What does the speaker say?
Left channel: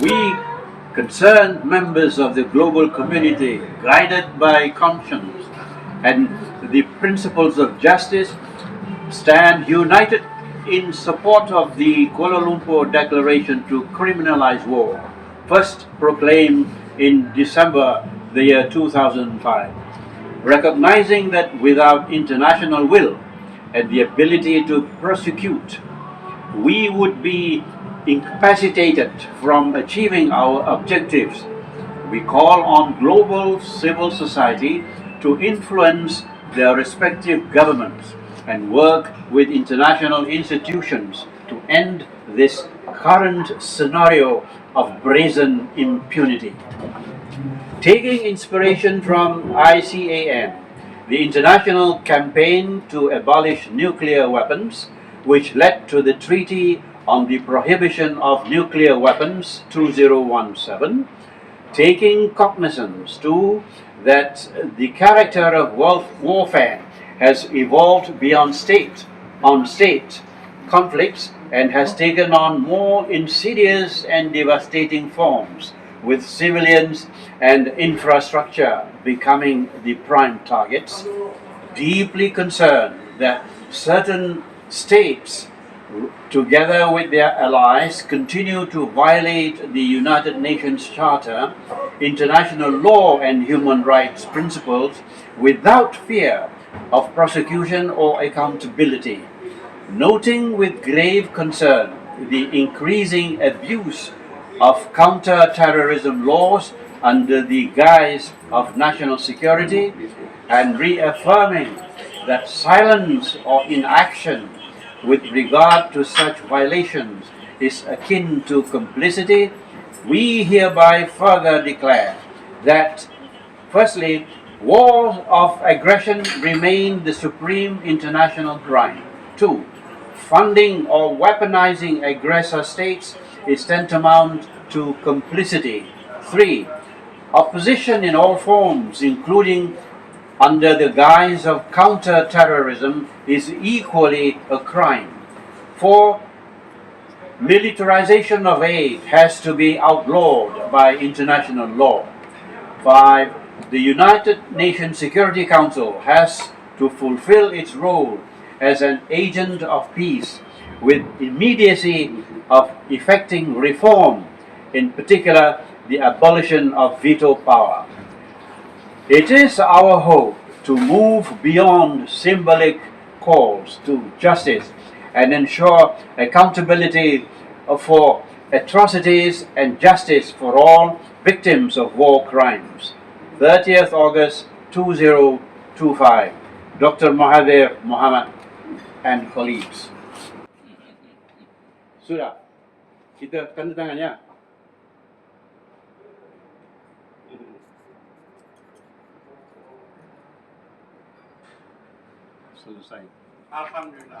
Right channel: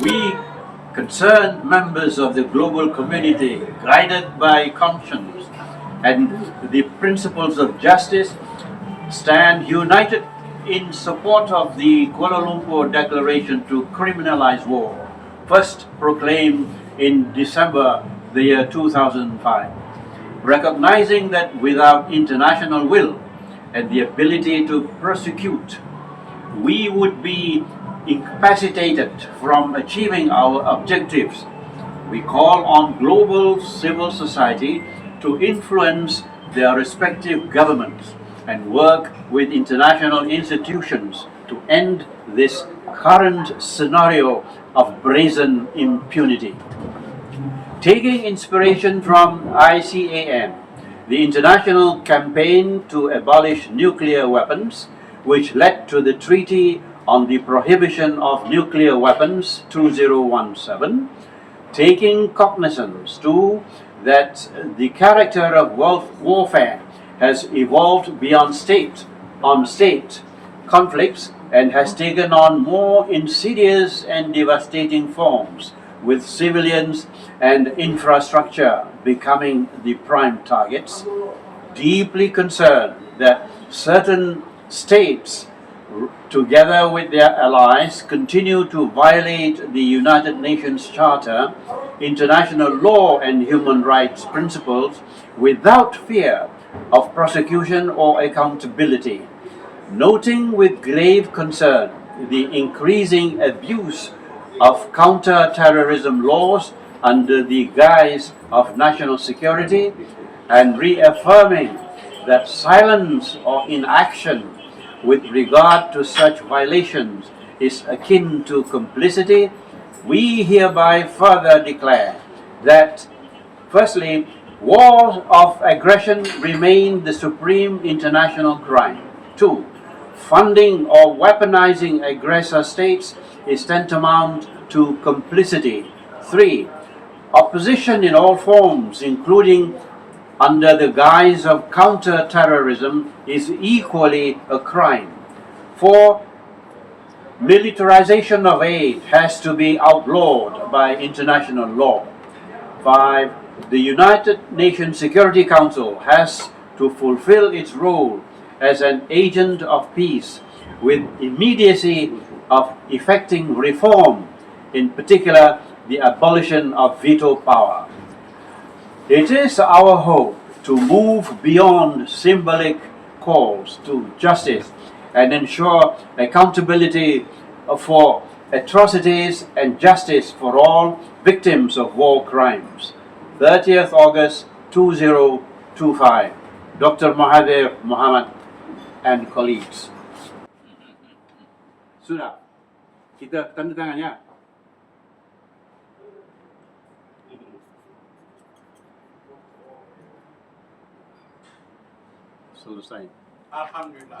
We, concerned members of the global community, guided by conscience and the principles of justice, stand united in support of the Kuala Lumpur Declaration to Criminalise War, first proclaimed in December the year 2005, recognizing that without international will and the ability to prosecute, we would be incapacitated from achieving our objectives. We call on global civil society to influence their respective governments and work with international institutions to end this current scenario of brazen impunity. Taking inspiration from ICAN, the international campaign to abolish nuclear weapons, which led to the Treaty on the Prohibition of Nuclear Weapons 2017, taking cognizance too that the character of warfare has evolved beyond state conflicts and has taken on more insidious and devastating forms, with civilians and infrastructure becoming the prime targets. Deeply concerned that certain states, together with their allies, continue to violate the United Nations Charter, international law and human rights principles without fear of prosecution or accountability. Noting with grave concern the increasing abuse of counter-terrorism laws under the guise of national security, and reaffirming that silence or inaction with regard to such violations is akin to complicity, we hereby further declare that, firstly, wars of aggression remain the supreme international crime. 2. Funding or weaponizing aggressor states is tantamount to complicity. 3. Opposition in all forms, including under the guise of counter-terrorism, is equally a crime. 4. Militarization of aid has to be outlawed by international law. 5. The United Nations Security Council has to fulfill its role as an agent of peace with immediacy of effecting reform, in particular the abolition of veto power. It is our hope to move beyond symbolic calls to justice and ensure accountability for atrocities and justice for all victims of war crimes. 30th August 2025. Dr. Mahathir bin Mohamad and colleagues. Sudah, kita tanda tangan ya. Selesai. Alhamdulillah.